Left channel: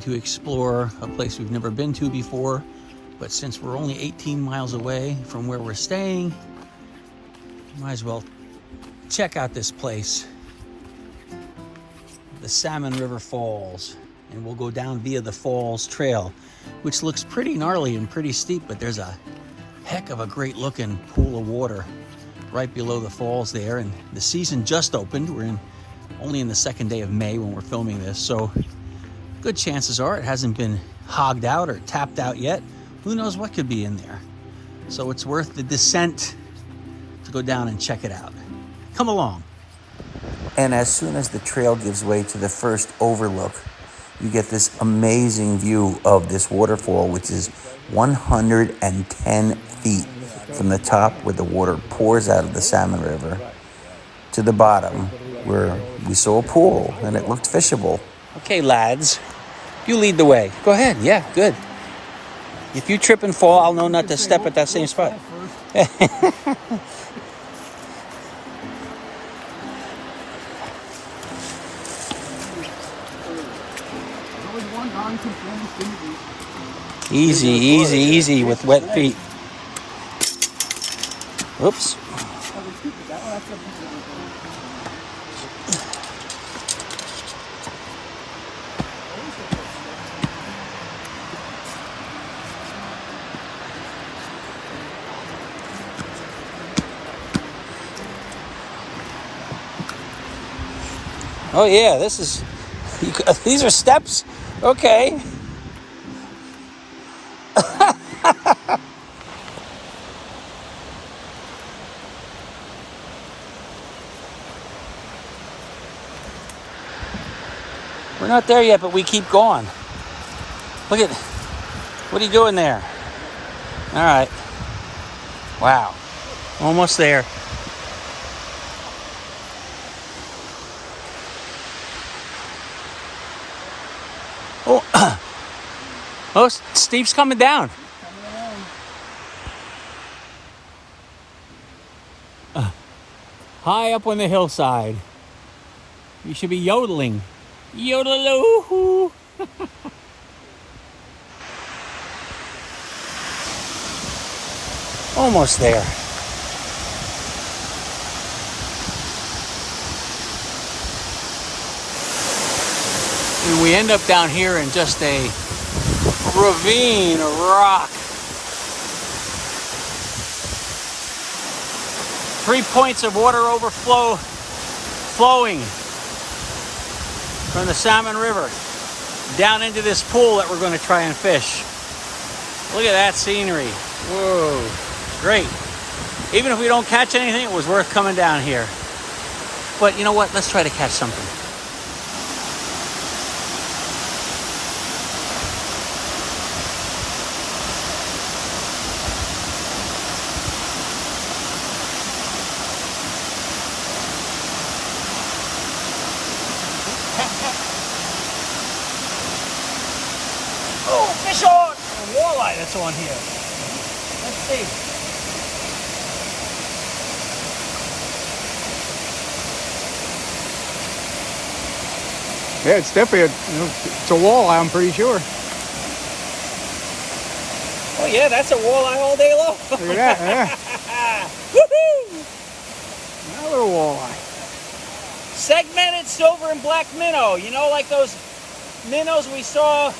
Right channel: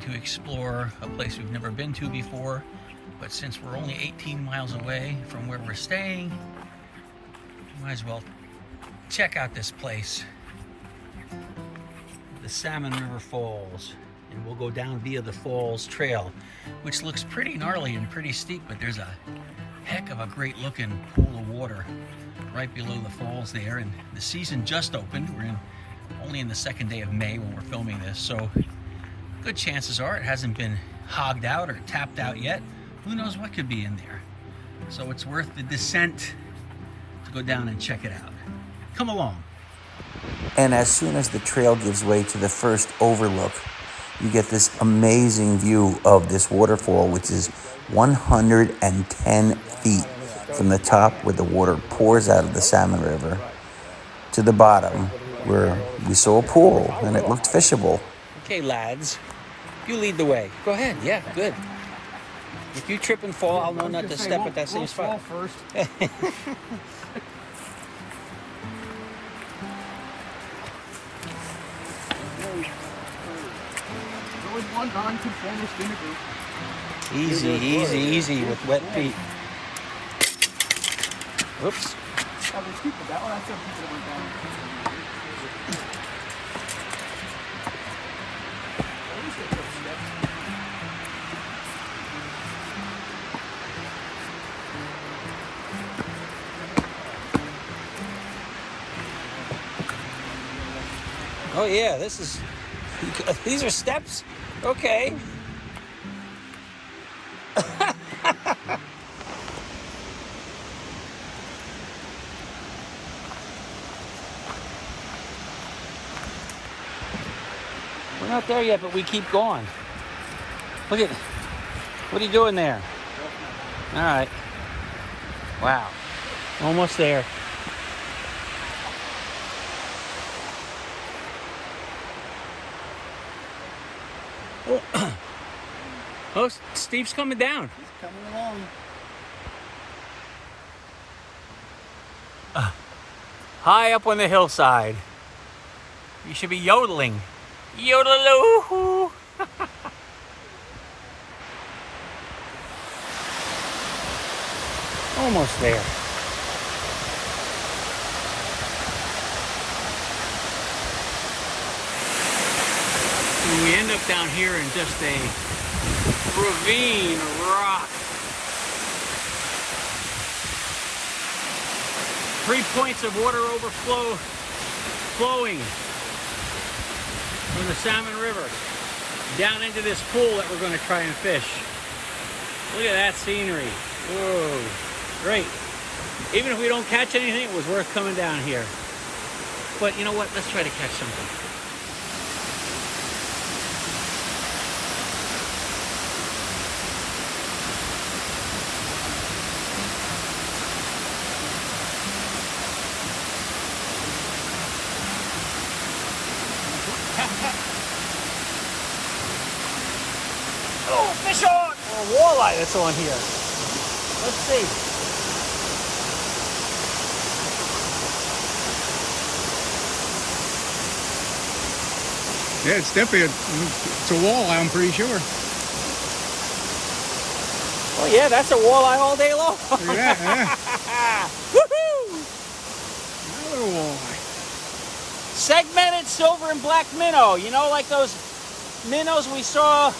trying to explore a place we've never been to before, but since we're only 18 miles away from where we're staying, might as well check out this place, the Salmon River Falls, and we'll go down via the Falls Trail, which looks pretty gnarly and pretty steep, but there's a heck of a great looking pool of water right below the falls there, and the season just opened. We're only in the second day of May when we're filming this, so good chances are it hasn't been hogged out or tapped out yet. Who knows what could be in there? So it's worth the descent to go down and check it out. Come along. And as soon as the trail gives way to the first overlook, you get this amazing view of this waterfall, which is 110 feet from the top where the water pours out of the Salmon River to the bottom where we saw a pool and it looked fishable. Okay, lads, you lead the way. Go ahead. Yeah, good. If you trip and fall, I'll know not to step at that same spot. There's always one non-conformist in the group. Easy, easy, easy with wet feet. Whoops. Oh, they're stupid. That one, that's a Oh yeah, this is, these are steps? Okay. We're not there yet, but we keep going. Look at, what are you doing there? All right. Wow. Almost there. Oh, oh, Steve's coming down. High up on the hillside. You should be yodeling. Yodeloo. Almost there. And we end up down here in just a ravine of rock. 3 points of water overflow flowing from the Salmon River down into this pool that we're going to try and fish. Look at that scenery. Whoa, great. Even if we don't catch anything, it was worth coming down here. But you know what? Let's try to catch something. Oh, fish on! A walleye that's on here. Let's see. Yeah, it's definitely it's a walleye, I'm pretty sure. Oh yeah, that's a walleye all day long. Look at that, yeah. Woohoo! Another walleye. Segmented silver and black minnow. You know, like those minnows we saw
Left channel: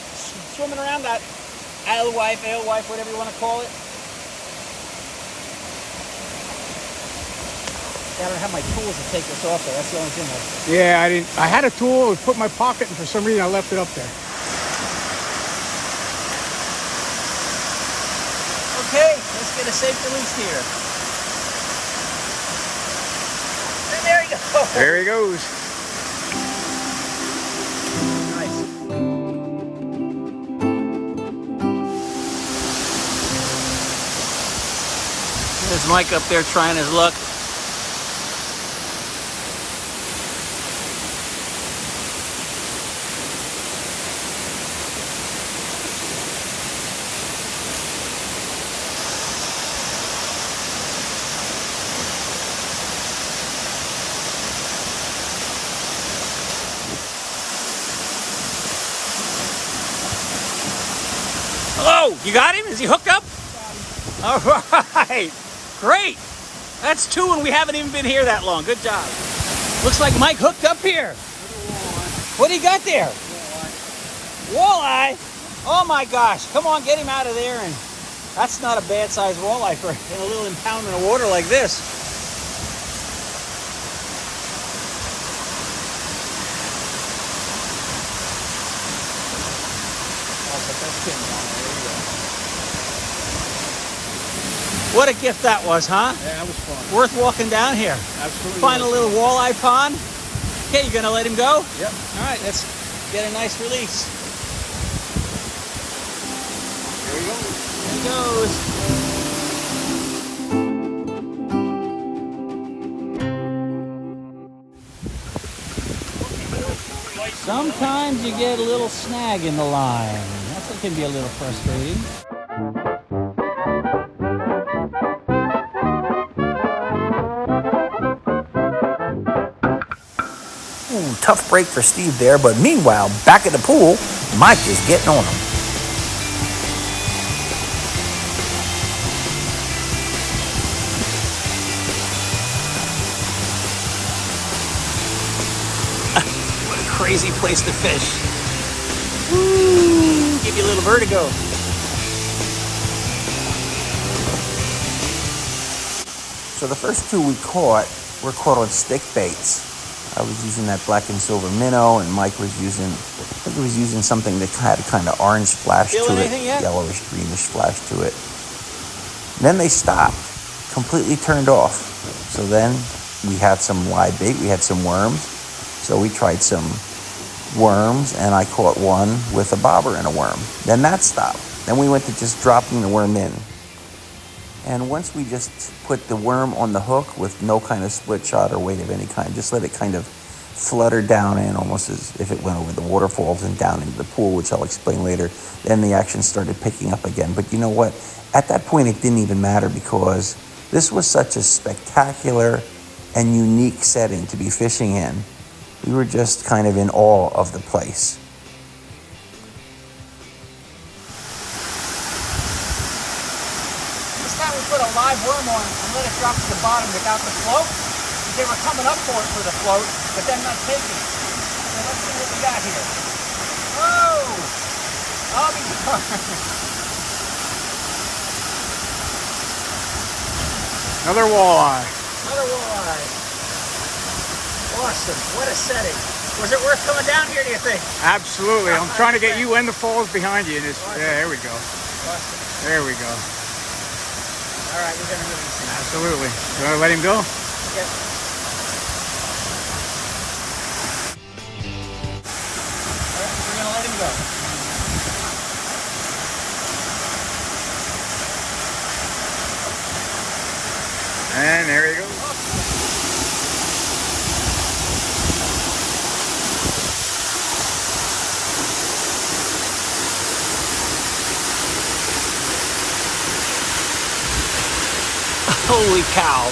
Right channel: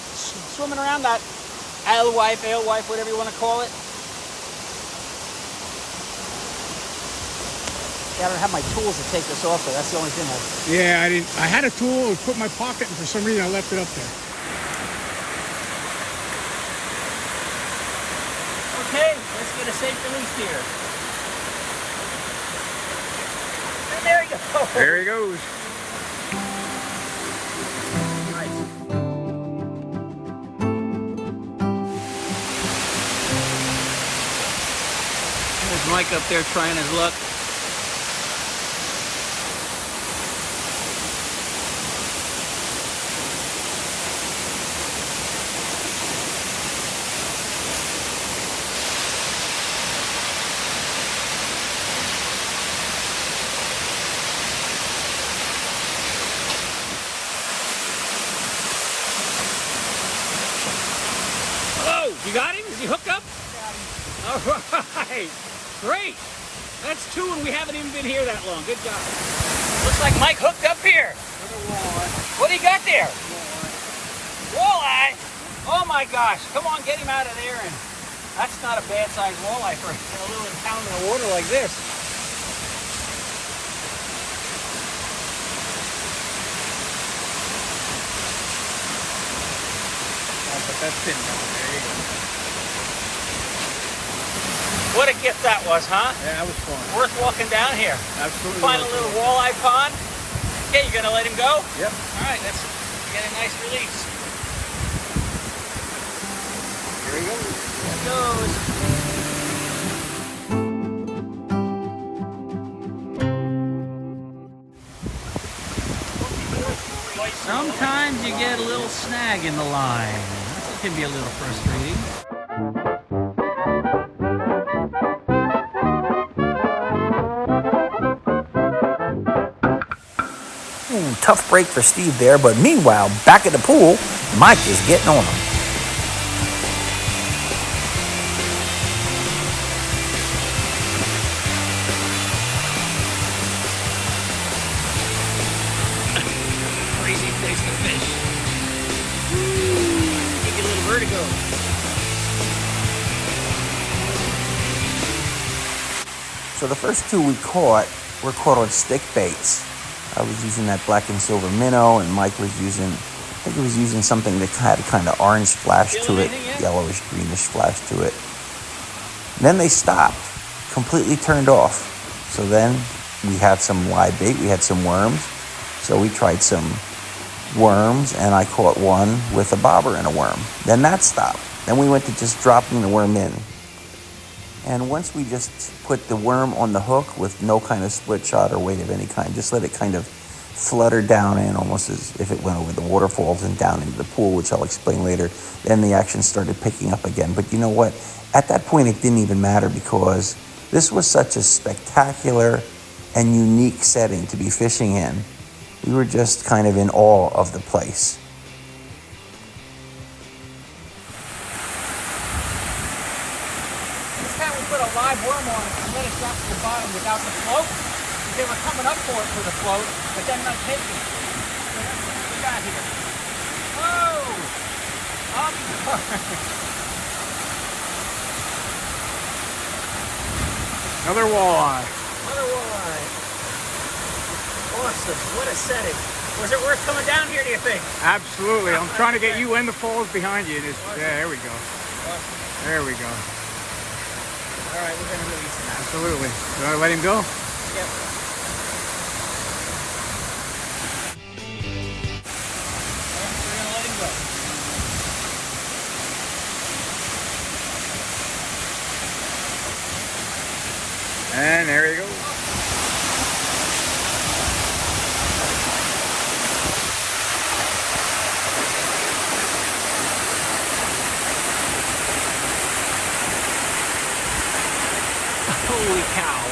swimming around, that alewife, whatever you want to call it. I don't have my tools to take this off there. That's the only thing. Yeah, I had a tool, it was put in my pocket, and for some reason I left it up there. Okay, let's get a safe release here. And there you go. There he goes. There's Mike up there trying his luck. Hello, you got him? Is he hooked up? All right, great. That's 2 and we haven't even been here that long. Good job. Looks like Mike hooked up here. What do you got there? Walleye. Oh my gosh, come on, get him out of there. And that's not a bad sized walleye for a little pound in the water like this. I'll put that pin on. There you go. What a gift that was, huh? Yeah, that was fun. Worth walking down here. Absolutely. Find a little walleye pond. Okay, you gonna let him go? Yep. All right, let's get a nice release. There he goes. There he goes. Sometimes you get a little snag in the line. That can be a little frustrating. Ooh, tough break for Steve there, but meanwhile, back at the pool, Mike is getting on him. What a crazy place to fish. Woo! Give you a little vertigo. So the first 2 we caught were caught on stick baits. I was using that black and silver minnow, and Mike was using, I think he was using something that had a kind of orange flash to it, yellowish, greenish flash to it. Then they stopped, completely turned off. So then we had some live bait, we had some worms. So we tried some worms, and I caught one with a bobber and a worm. Then that stopped. Then we went to just dropping the worm in. And once we just put the worm on the hook with no kind of split shot or weight of any kind, just let it kind of flutter down in almost as if it went over the waterfalls and down into the pool, which I'll explain later, then the action started picking up again. But you know what? At that point, it didn't even matter because this was such a spectacular and unique setting to be fishing in. We were just kind of in awe of the place. Put a live worm on it and let it drop to the bottom without the float. They were coming up for it for the float, but then not taking it. So let's see what we got here. Oh! I'll be darned. Another walleye. Another walleye. Awesome. What a setting. Was it worth coming down here, do you think? Absolutely. I'm trying to get you in the falls behind you. Yeah, there we go. Awesome. There we go. All right, we're going to release him. Absolutely. You want to let him go? Yep. We're going to let him go. And there he goes. Holy cow.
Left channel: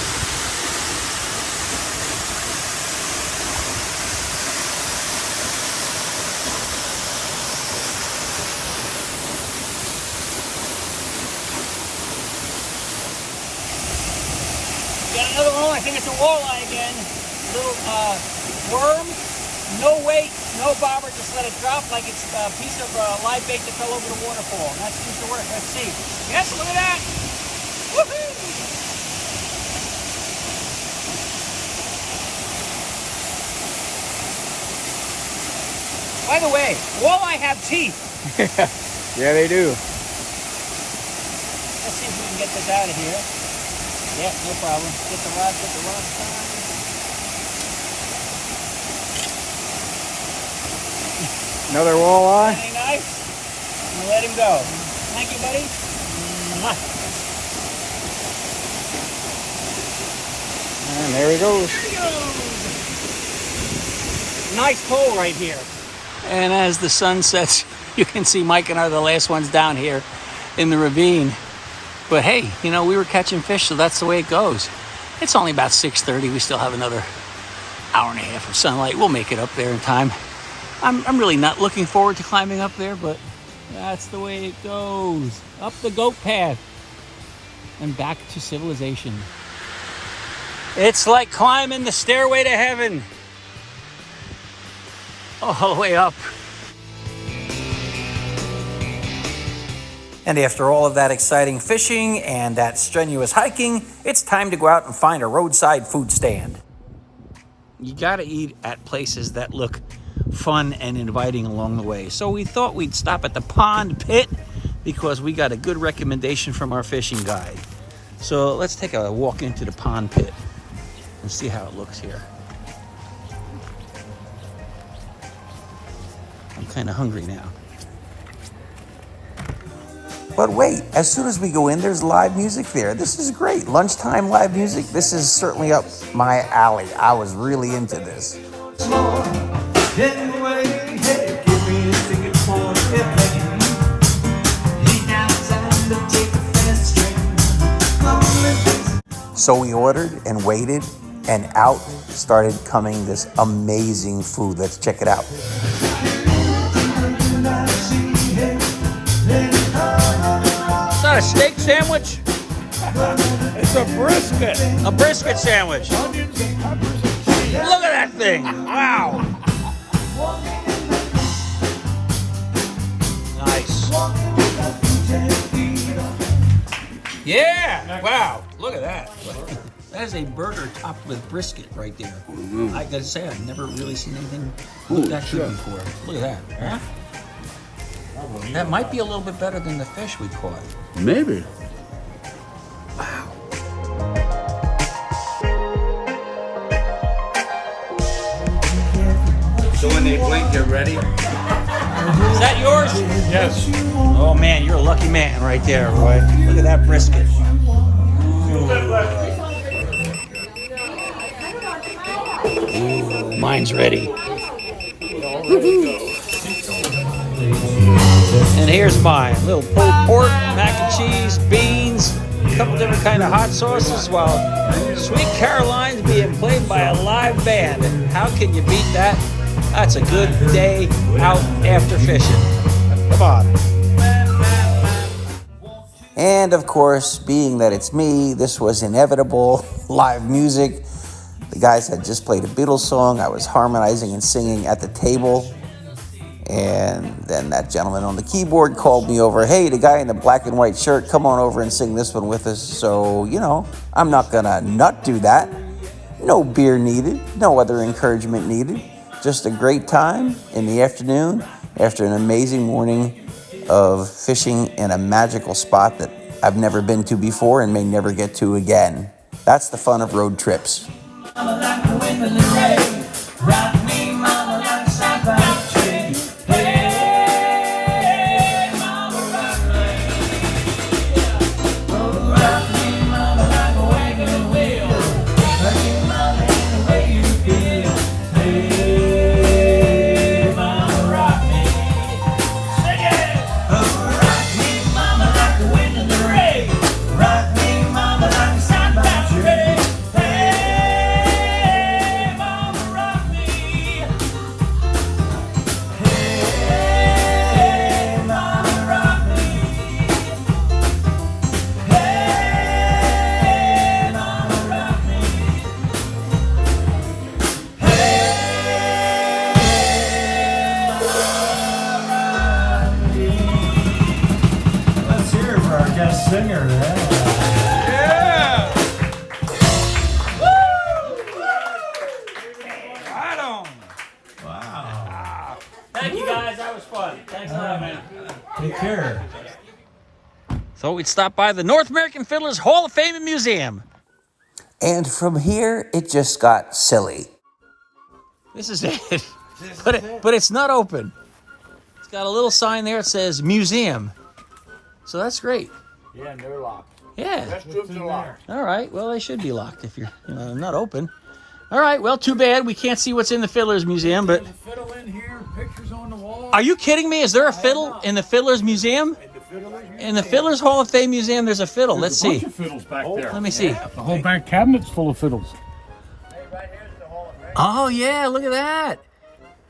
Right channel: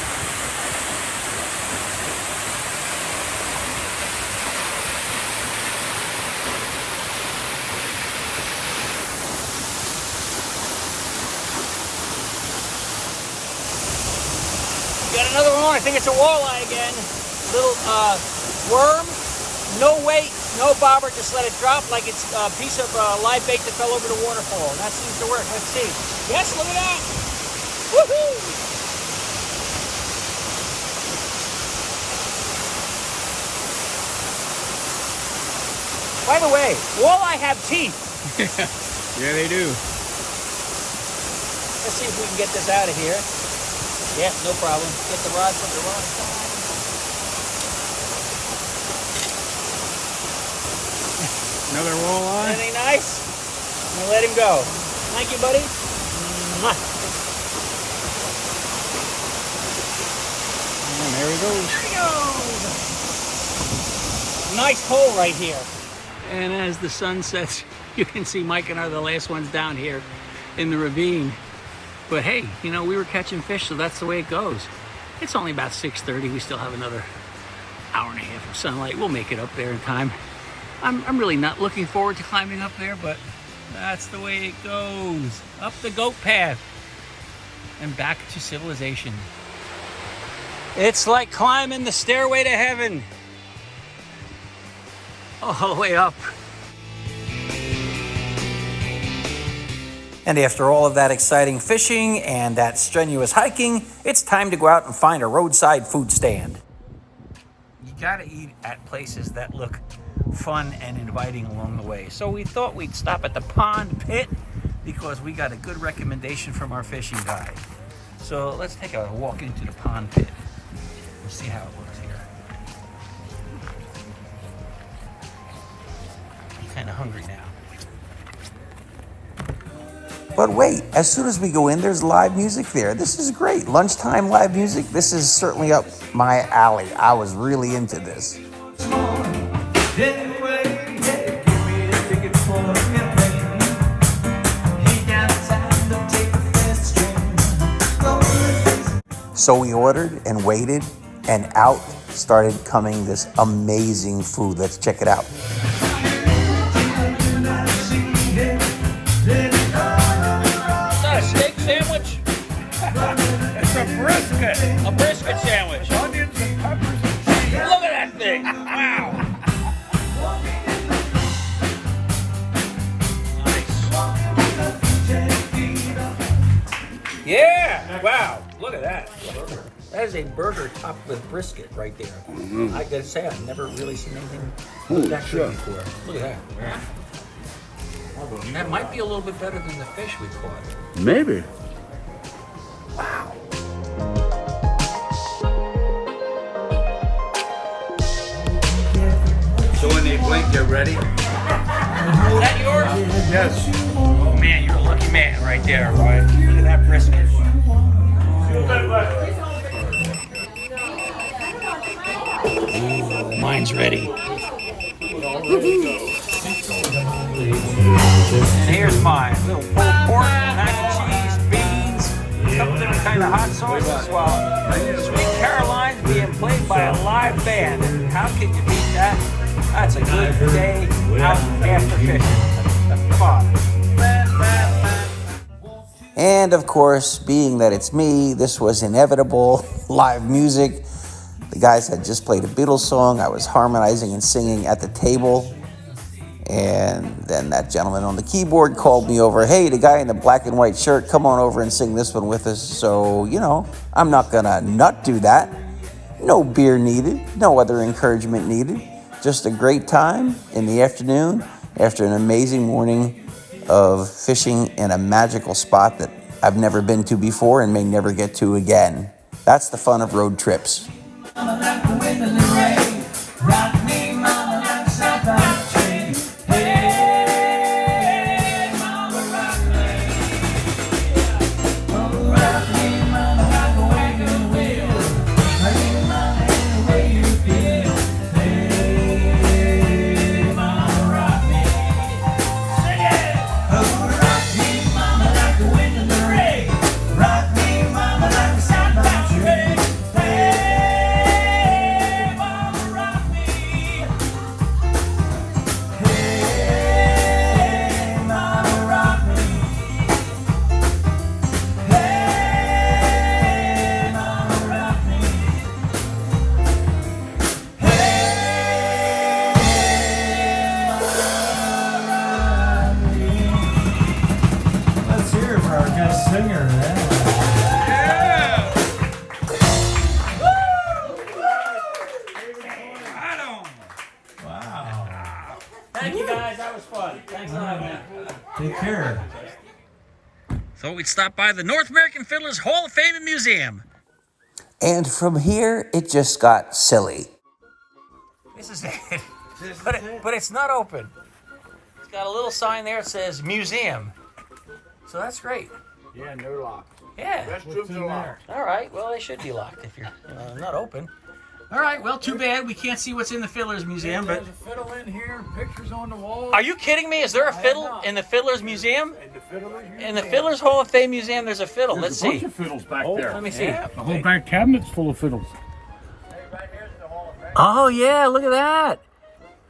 Got another one. I think it's a walleye again. Little worm, no weight, no bobber. Just let it drop like it's a piece of live bait that fell over the waterfall. And that seems to work. Let's see. Yes, look at that. Woohoo! By the way, walleye have teeth. Yeah, they do. Let's see if we can get this out of here. Yeah, no problem. Get the rod, put the rod. Another walleye. Anything nice? I'm gonna let him go. Thank you, buddy. And there he goes. There he goes. Nice hole right here. And as the sun sets, you can see Mike and I are the last ones down here in the ravine. But hey, you know, we were catching fish, so that's the way it goes. It's only about 6:30. We still have another hour and a half of sunlight. We'll make it up there in time. I'm really not looking forward to climbing up there, but That's the way it goes. Up the goat path and back to civilization. It's like climbing the stairway to heaven. All the way up. And after all of that exciting fishing and that strenuous hiking, it's time to go out and find a roadside food stand. You gotta eat at places that look fun and inviting along the way. So we thought we'd stop at the Pond Pit because we got a good recommendation from our fishing guide. So let's take a walk into the Pond Pit and see how it looks here. I'm kind of hungry now. But wait, as soon as we go in, there's live music there. This is great. Lunchtime live music. This is certainly up my alley. I was really into this. So we ordered and waited, and out started coming this amazing food. Let's check it out. It's a brisket. A brisket sandwich. Onions and peppers and cheese. Look at that thing. Wow. Nice. Yeah. Wow. Look at that. That is a burger topped with brisket right there. I gotta say, I've never really seen anything that good before. Look at that. That might be a little bit better than the fish we caught. Maybe. So when they blink, you're ready? Is that yours? Yes. Oh man, you're a lucky man right there, Roy. Look at that brisket. Ooh, mine's ready. And here's mine. A little pulled pork, mac and cheese, beans, a couple different kind of hot sauces. While Sweet Caroline's being played by a live band. How can you beat that? That's a good day out after fishing. Come on. And of course, being that it's me, this was inevitable. Live music. The guys had just played a Beatles song. I was harmonizing and singing at the table. And then that gentleman on the keyboard called me over. Hey, the guy in the black and white shirt, come on over and sing this one with us. So, you know, I'm not gonna not do that. No beer needed. No other encouragement needed. Just a great time in the afternoon after an amazing morning of fishing in a magical spot that I've never been to before and may never get to again. That's the fun of road trips. Singer, Yeah! Woo! Right on! Wow. Thank you guys, that was fun. Thanks a lot, man. Take care. So we stopped by the North American Fiddlers Hall of Fame and Museum. And from here, it just got silly. This is it. But it's not open. It's got a little sign there that says museum. So that's great. Yeah, and they're locked. Yeah. Restrooms are locked. All right. Well, they should be locked if you're not open. All right. Well, too bad. We can't see what's in the Fiddlers Museum, but... There's a fiddle in here, pictures on the wall. Are you kidding me? Is there a fiddle in the Fiddlers Museum? In the Fiddlers Hall of Fame Museum, there's a fiddle. Let's see. There's a bunch of fiddles back there. Let me see. The whole back cabinet's full of fiddles. Oh, yeah. Look at that.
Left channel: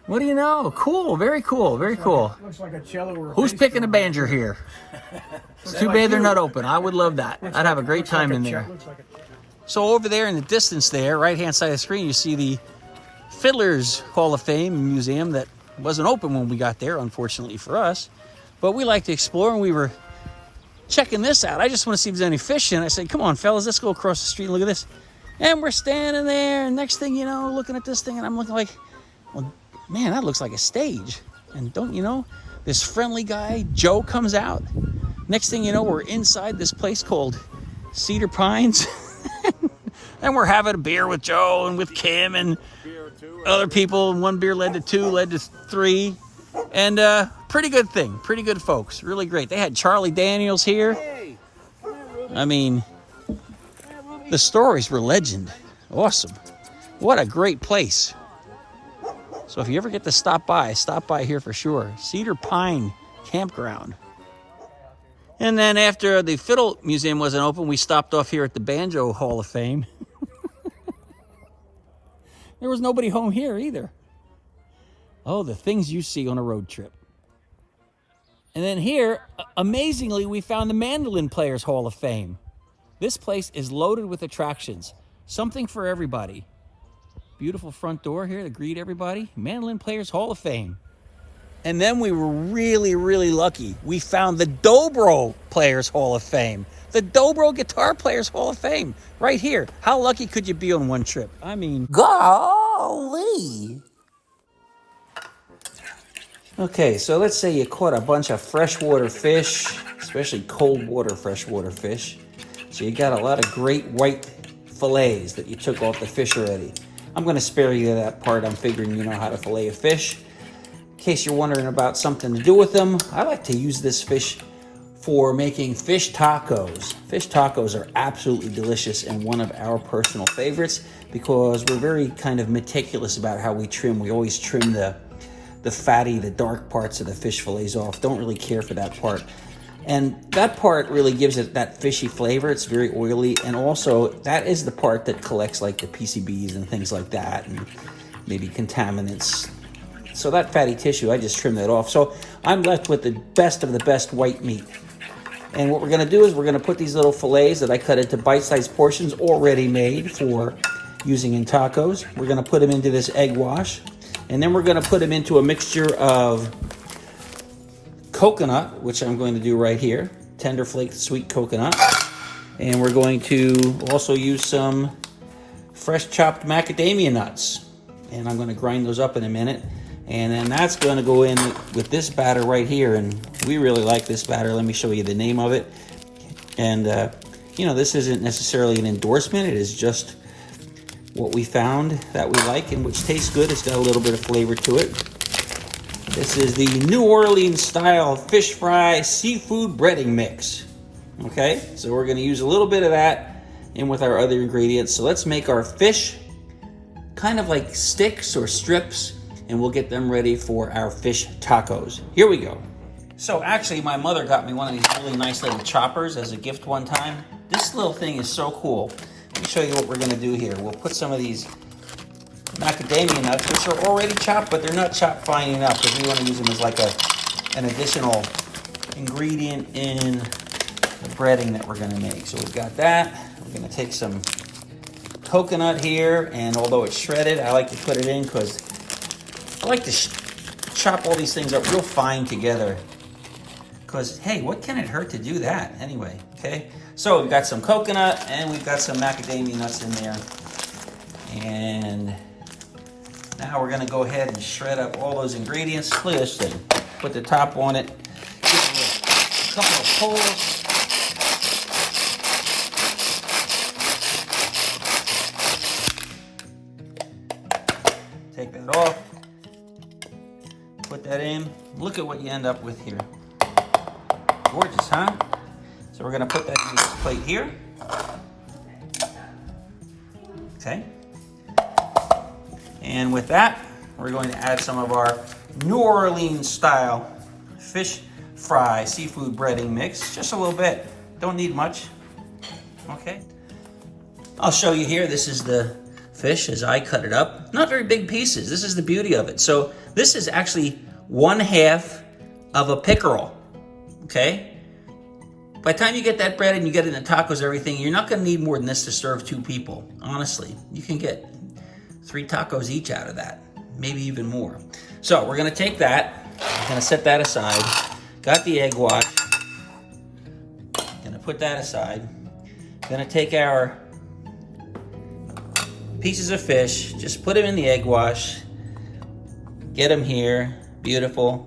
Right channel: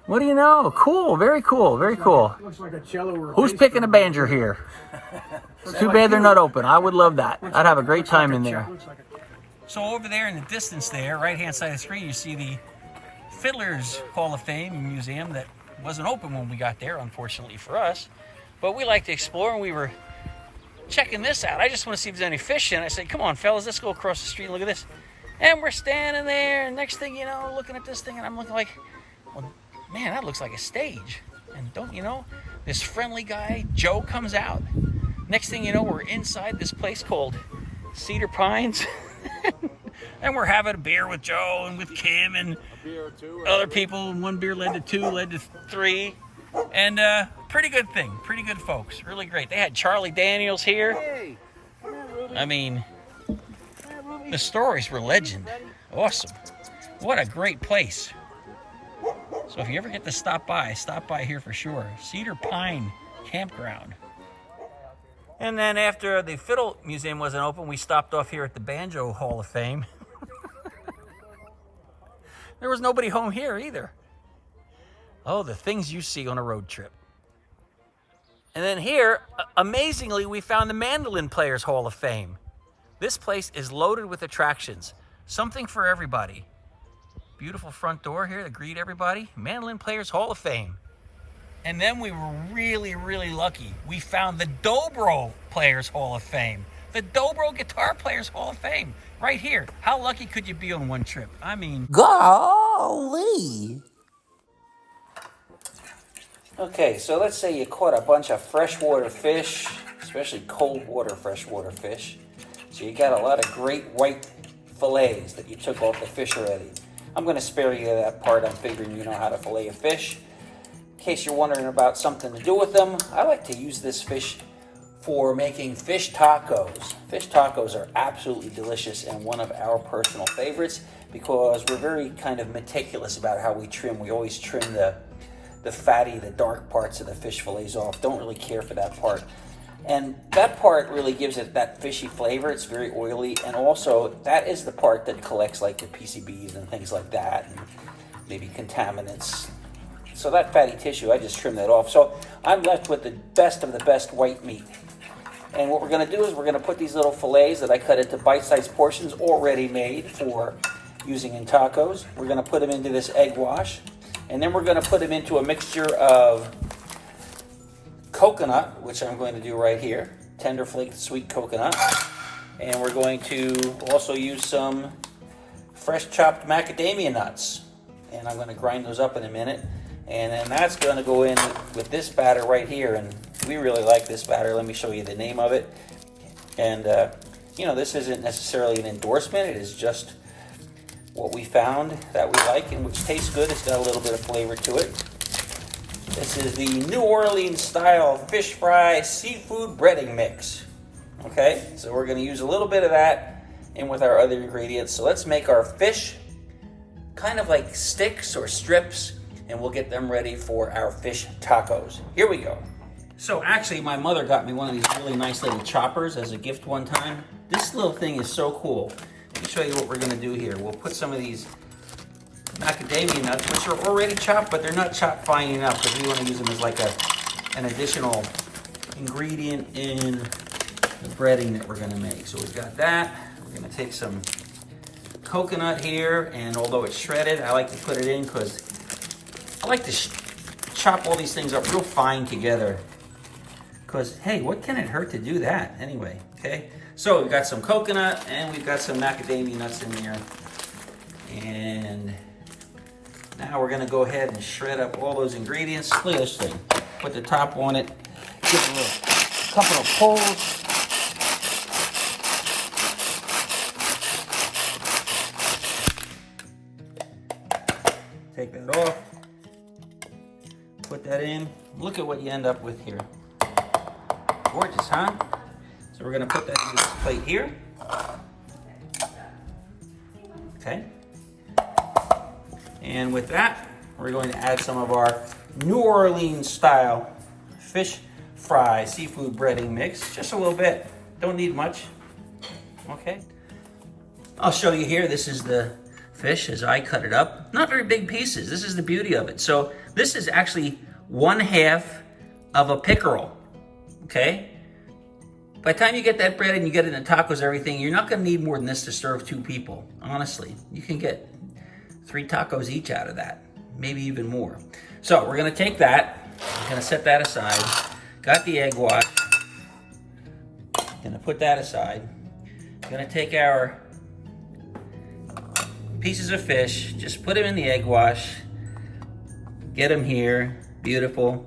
What do you know? Cool, very cool, very cool. Looks like a cello or a Who's bass picking a drum. banjo here? It's too bad they're not open. I would love that. I'd have a great time in there. So over there in the distance there, right-hand side of the screen, you see the Fiddlers Hall of Fame Museum that wasn't open when we got there, unfortunately for us. But we like to explore, and we were checking this out. I just want to see if there's any fish in it. I said, come on, fellas, let's go across the street and look at this. And we're standing there, and next thing you know, looking at this thing, and I'm looking like, well, man, that looks like a stage. And don't you know, this friendly guy, Joe, comes out. Next thing you know, we're inside this place called Cedar Pines. And we're having a beer with Joe and with Kim and other people. And one beer led to two, led to three. And pretty good thing, pretty good folks, really great. They had Charlie Daniels here. I mean, the stories were legend. Awesome. What a great place. So if you ever get to stop by here for sure. Cedar Pine Campground. And then after the Fiddle Museum wasn't open, we stopped off here at the Banjo Hall of Fame. There was nobody home here either. Oh, the things you see on a road trip. And then here, amazingly, we found the Mandolin Players Hall of Fame. This place is loaded with attractions. Something for everybody. Beautiful front door here to greet everybody. Mandolin Players Hall of Fame. And then we were really, really lucky. We found the Dobro Players Hall of Fame. The Dobro Guitar Players Hall of Fame. Right here. How lucky could you be on one trip? I mean... Golly! Okay, so let's say you caught a bunch of freshwater fish, especially cold water freshwater fish. So you got a lot of great white fillets that you took off the fish already. I'm going to spare you that part. I'm figuring you know how to fillet a fish. In case you're wondering about something to do with them, I like to use this fish for making fish tacos. Fish tacos are absolutely delicious and one of our personal favorites because we're very kind of meticulous about how we trim. We always trim the fatty, the dark parts of the fish fillets off. Don't really care for that part. And that part really gives it that fishy flavor. It's very oily, and also that is the part that collects like the PCBs and things like that, and maybe contaminants. So that fatty tissue, I just trim that off. So I'm left with the best of the best white meat. And what we're gonna do is we're gonna put these little fillets that I cut into bite-sized portions already made for using in tacos. We're gonna put them into this egg wash. And then we're gonna put them into a mixture of coconut, which I'm going to do right here, tender flaked sweet coconut. And we're going to also use some fresh chopped macadamia nuts. And I'm gonna grind those up in a minute. And then that's gonna go in with this batter right here. And we really like this batter. Let me show you the name of it. And you know, this isn't necessarily an endorsement. It is just what we found that we like and which tastes good. It's got a little bit of flavor to it. This is the New Orleans style fish fry seafood breading mix. Okay, so we're gonna use a little bit of that in with our other ingredients. So let's make our fish kind of like sticks or strips, and we'll get them ready for our fish tacos. Here we go. So actually my mother got me one of these really nice little choppers as a gift one time. This little thing is so cool. Let me show you what we're gonna do here. We'll put some of these macadamia nuts, which are already chopped, but they're not chopped fine enough because we want to use them as like an additional ingredient in the breading that we're going to make. So we've got that. We're going to take some coconut here, and although it's shredded, I like to put it in because I like to chop all these things up real fine together. Because, hey, what can it hurt to do that anyway, okay? So we've got some coconut and we've got some macadamia nuts in there. And now we're gonna go ahead and shred up all those ingredients. Look at this thing. Put the top on it. Give it a couple of pulls. Take that off. Put that in. Look at what you end up with here. Gorgeous, huh? So we're gonna put that in this plate here. Okay. And with that, we're going to add some of our New Orleans style fish fry seafood breading mix. Just a little bit. Don't need much. Okay. I'll show you here. This is the fish as I cut it up. Not very big pieces. This is the beauty of it. So this is actually 1/2 of a pickerel, okay? By the time you get that bread and you get it in the tacos and everything, you're not gonna need more than this to serve 2 people, honestly. You can get 3 tacos each out of that, maybe even more. So we're gonna take that, we're gonna set that aside. Got the egg wash, gonna put that aside. Gonna take our pieces of fish, just put them in the egg wash, get them here, beautiful.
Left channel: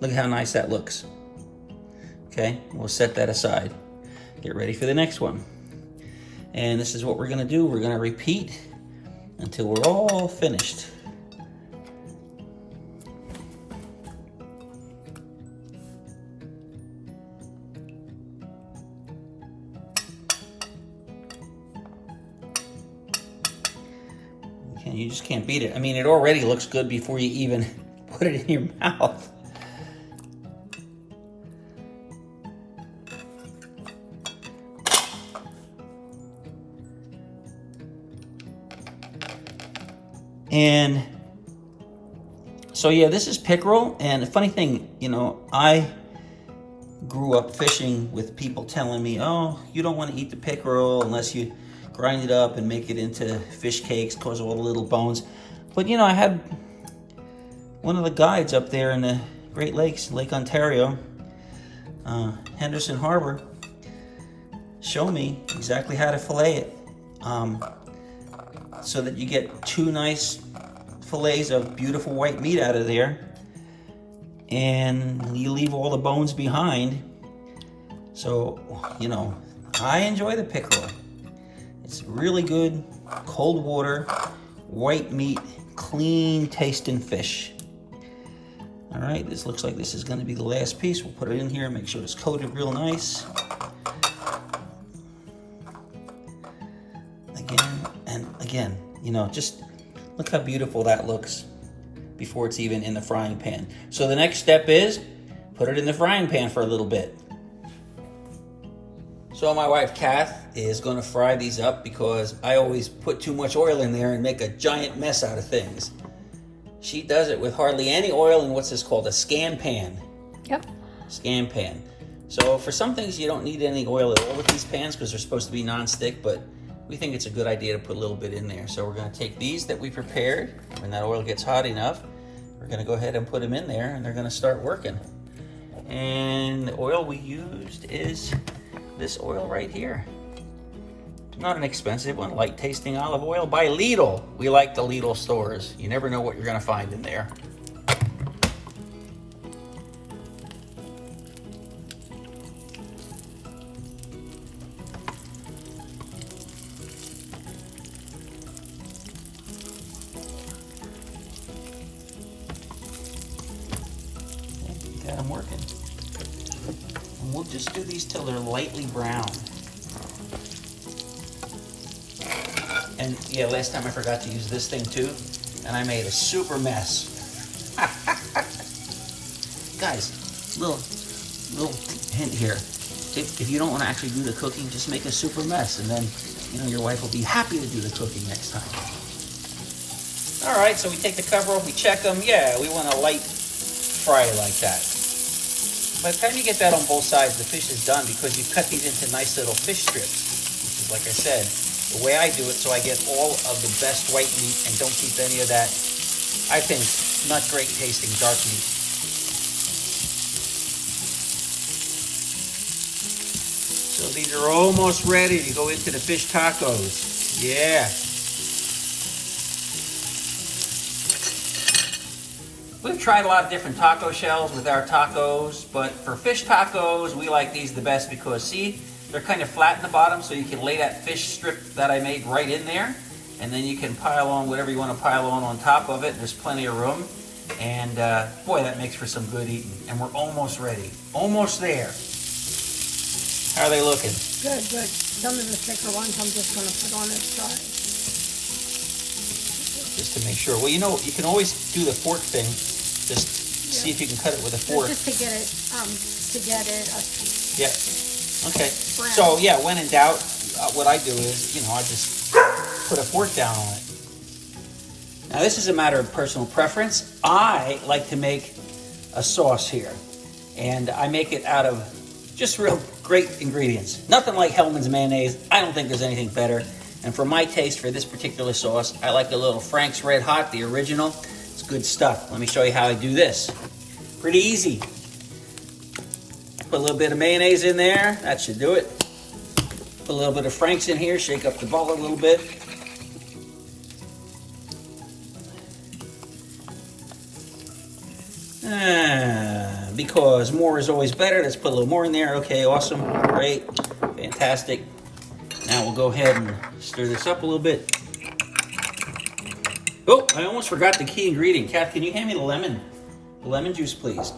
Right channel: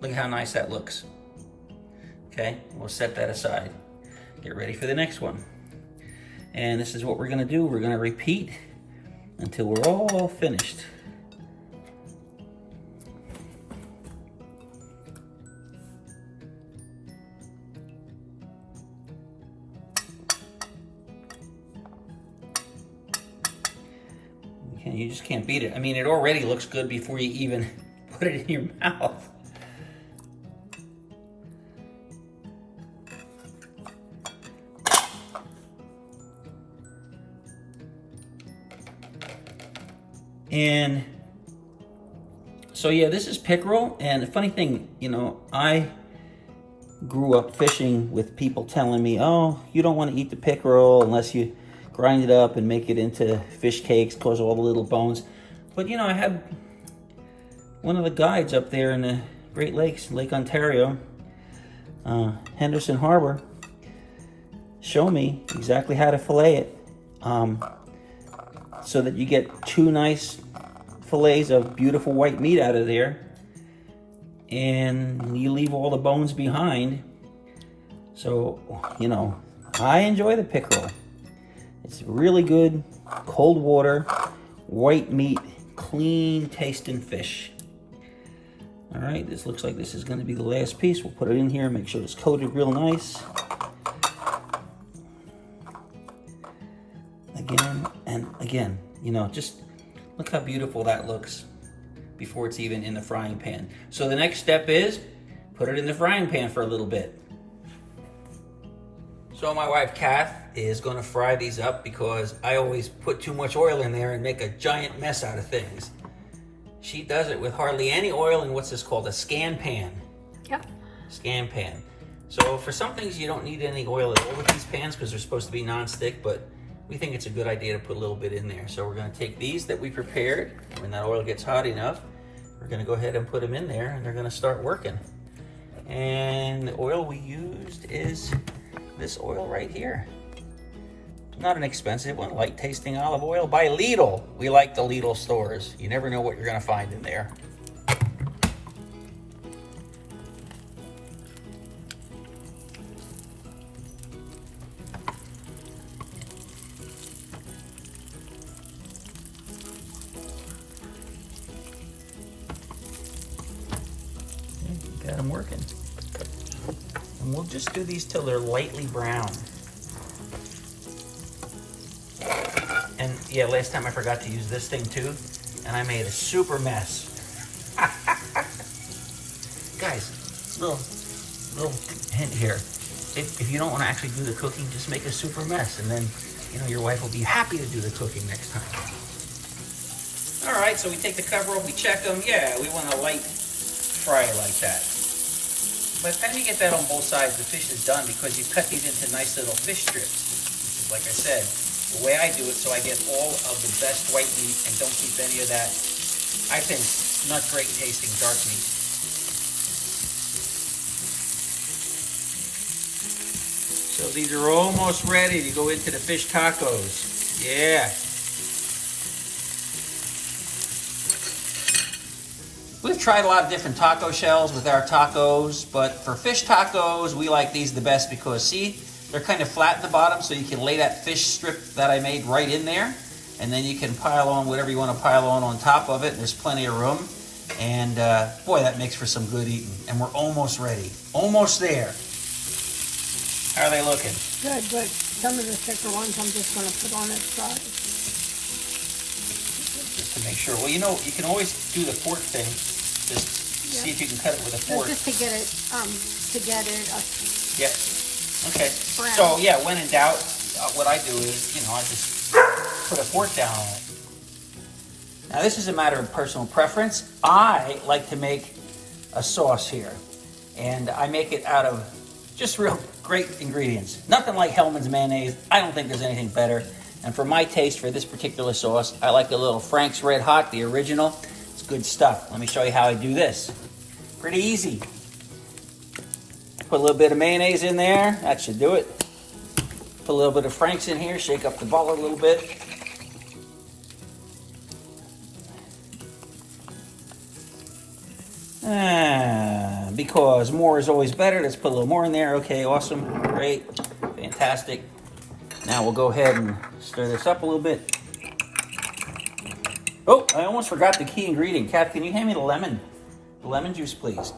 Look at how nice that looks. Okay, we'll set that aside. Get ready for the next one. And this is what we're gonna do. We're gonna repeat until we're all finished. You just can't beat it. I mean, it already looks good before you even put it in your mouth. And so yeah, this is pickerel. And the funny thing, you know, I grew up fishing with people telling me, oh, you don't want to eat the pickerel unless you grind it up and make it into fish cakes, cause all the little bones. But you know, I had one of the guides up there in the Great Lakes, Lake Ontario, Henderson Harbor, show me exactly how to fillet it, so that you get 2 nice fillets of beautiful white meat out of there, and you leave all the bones behind. So, you know, I enjoy the pickerel. It's really good, cold water, white meat, clean tasting fish. All right, this looks like this is gonna be the last piece. We'll put it in here, make sure it's coated real nice. Again and again, you know, just look how beautiful that looks before it's even in the frying pan. So the next step is put it in the frying pan for a little bit. So my wife Kath is gonna fry these up because I always put too much oil in there and make a giant mess out of things. She does it with hardly any oil in what's this called, a scan pan. Yep. Scan pan. So for some things you don't need any oil at all with these pans because they're supposed to be non-stick, but we think it's a good idea to put a little bit in there. So we're gonna take these that we prepared, when that oil gets hot enough, we're gonna go ahead and put them in there and they're gonna start working. And the oil we used is this oil right here. Not an expensive one, light tasting olive oil by Lidl. We like the Lidl stores. You never know what you're gonna find in there. Got them working. And we'll just do these till they're lightly brown. And yeah, last time I forgot to use this thing too, and I made a super mess. Guys, little hint here. If you don't want to actually do the cooking, just make a super mess, and then you know your wife will be happy to do the cooking next time. All right, so we take the cover off, we check them. Yeah, we want a light fry like that. By the time you get that on both sides, the fish is done because you cut these into nice little fish strips. Which is, like I said, the way I do it, so I get all of the best white meat and don't keep any of that, I think, not great tasting dark meat. So these are almost ready to go into the fish tacos. Yeah. We've tried a lot of different taco shells with our tacos, but for fish tacos, we like these the best because, see, they're kind of flat in the bottom, so you can lay that fish strip that I made right in there, and then you can pile on whatever you want to pile on top of it. There's plenty of room, and boy, that makes for some good eating. And we're almost ready. Almost there. How are they looking? Good, good. Some of the thicker ones I'm just going to put on its side. Just to make sure. Well, you know, you can always do the fork thing. Just see if you can cut it with a fork. Just to get it, Yeah. Okay. So yeah, when in doubt, what I do is, you know, I just put a fork down on it. Now this is a matter of personal preference. I like to make a sauce here, and I make it out of just real great ingredients. Nothing like Hellmann's mayonnaise. I don't think there's anything better. And for my taste for this particular sauce, I like a little Frank's Red Hot, the original. It's good stuff. Let me show you how I do this. Pretty easy. Put a little bit of mayonnaise in there. That should do it. Put a little bit of Frank's in here. Shake up the ball a little bit. Because more is always better. Let's put a little more in there. Okay, awesome, great, fantastic. Now we'll go ahead and stir this up a little bit. Oh, I almost forgot the key ingredient. Kat, can you hand me the lemon juice, please,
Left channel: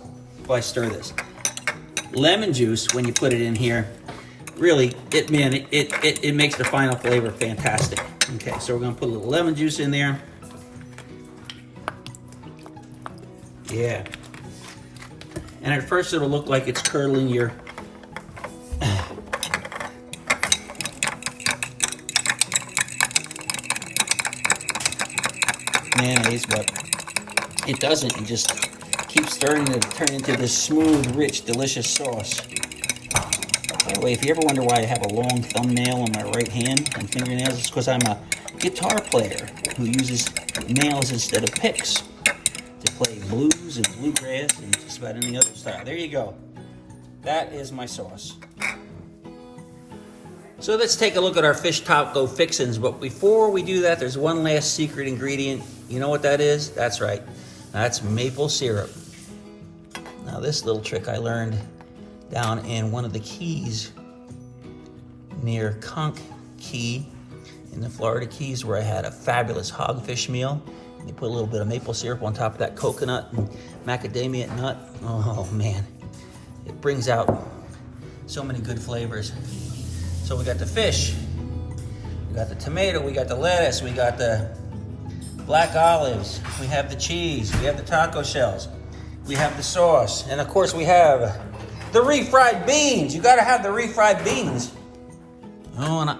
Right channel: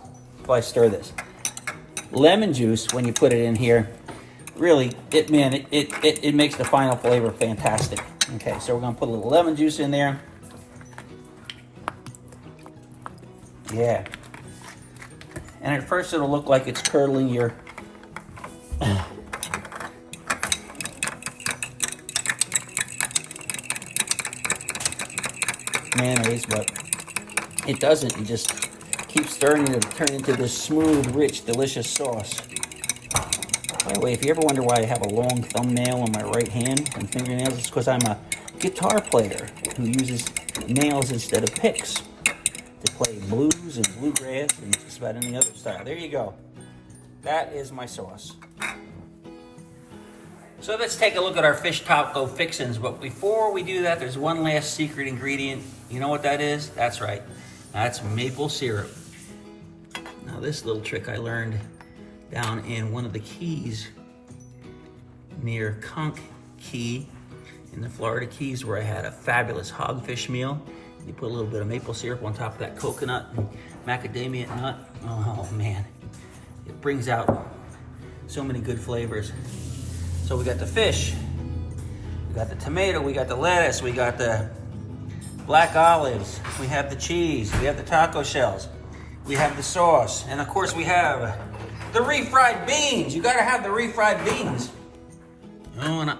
while I stir this? Lemon juice, when you put it in here, really, it makes the final flavor fantastic. Okay, so we're gonna put a little lemon juice in there. Yeah. And at first it'll look like it's curdling your mayonnaise, but it doesn't. You just keep stirring it to turn into this smooth, rich, delicious sauce. By the way, if you ever wonder why I have a long thumbnail on my right hand and fingernails, it's because I'm a guitar player who uses nails instead of picks to play blues and bluegrass and just about any other style. There you go. That is my sauce. So let's take a look at our fish taco fixins. But before we do that, there's one last secret ingredient. You know what that is? That's right. That's maple syrup. Now this little trick I learned down in one of the keys near Conch Key in the Florida Keys, where I had a fabulous hogfish meal. You put a little bit of maple syrup on top of that coconut and macadamia nut. Oh man, it brings out so many good flavors. So we got the fish, we got the tomato, we got the lettuce, we got the black olives, we have the cheese, we have the taco shells, we have the sauce, and of course we have the refried beans. You gotta have the refried beans. Oh, and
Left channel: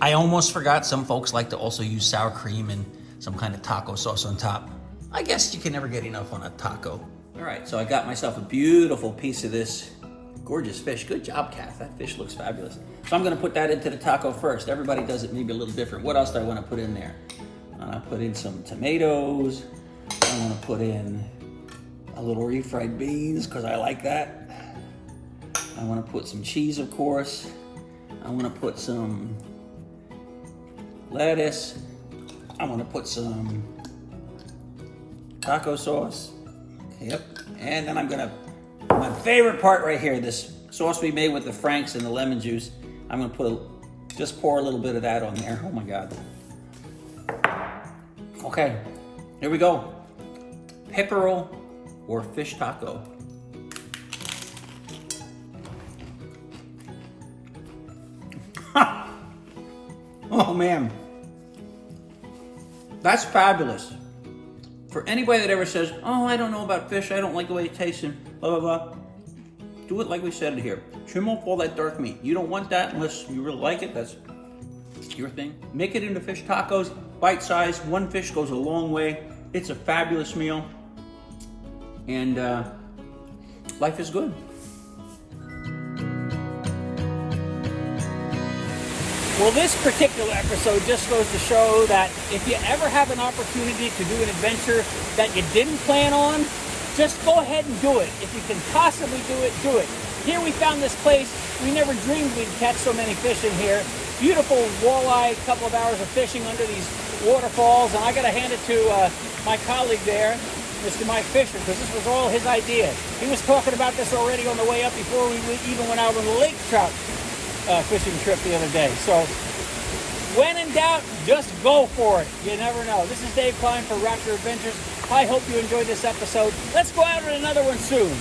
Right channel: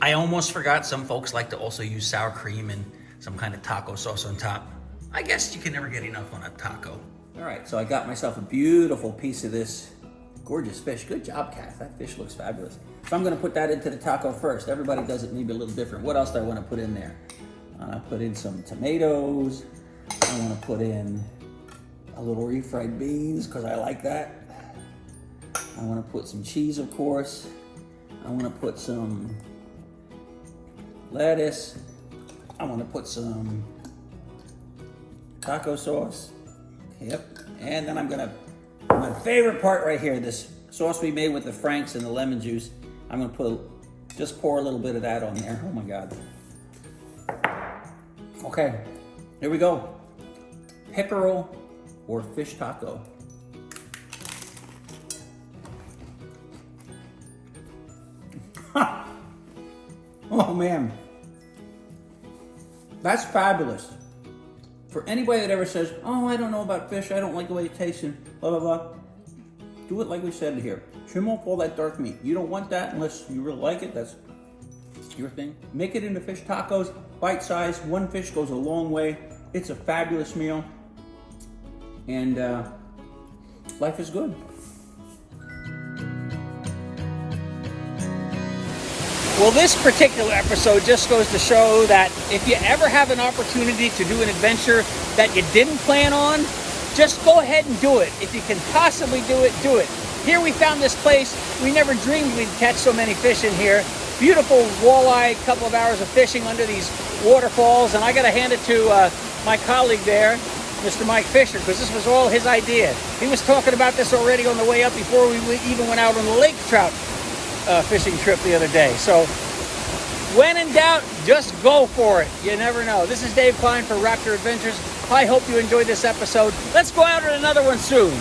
I almost forgot, some folks like to also use sour cream and some kind of taco sauce on top. I guess you can never get enough on a taco. All right, so I got myself a beautiful piece of this gorgeous fish. Good job, Kath. That fish looks fabulous. So I'm gonna put that into the taco first. Everybody does it maybe a little different. What else do I wanna put in there? I'm gonna put in some tomatoes. I wanna put in a little refried beans because I like that. I wanna put some cheese, of course. I wanna put some lettuce. I want to put some taco sauce. Yep. And then I'm gonna, my favorite part right here, this sauce we made with the Franks and the lemon juice, I'm gonna just pour a little bit of that on there. Oh my God. Okay, here we go. Pickerel or fish taco. Oh man. That's fabulous. For anybody that ever says, oh, I don't know about fish, I don't like the way it tastes, and blah, blah, blah, do it like we said here. Trim off all that dark meat. You don't want that unless you really like it. That's your thing. Make it into fish tacos, bite size. One fish goes a long way. It's a fabulous meal. And life is good. Well, this particular episode just goes to show that if you ever have an opportunity to do an adventure that you didn't plan on, just go ahead and do it. If you can possibly do it, do it. Here we found this place. We never dreamed we'd catch so many fish in here. Beautiful walleye, couple of hours of fishing under these waterfalls. And I got to hand it to my colleague there, Mr. Mike Fisher, because this was all his idea. He was talking about this already on the way up before we even went out on the lake trout fishing trip the other day. So when in doubt, just go for it. You never know. This is Dave Klein for RAPTR Adventures. I hope you enjoyed this episode. Let's go out on another one soon.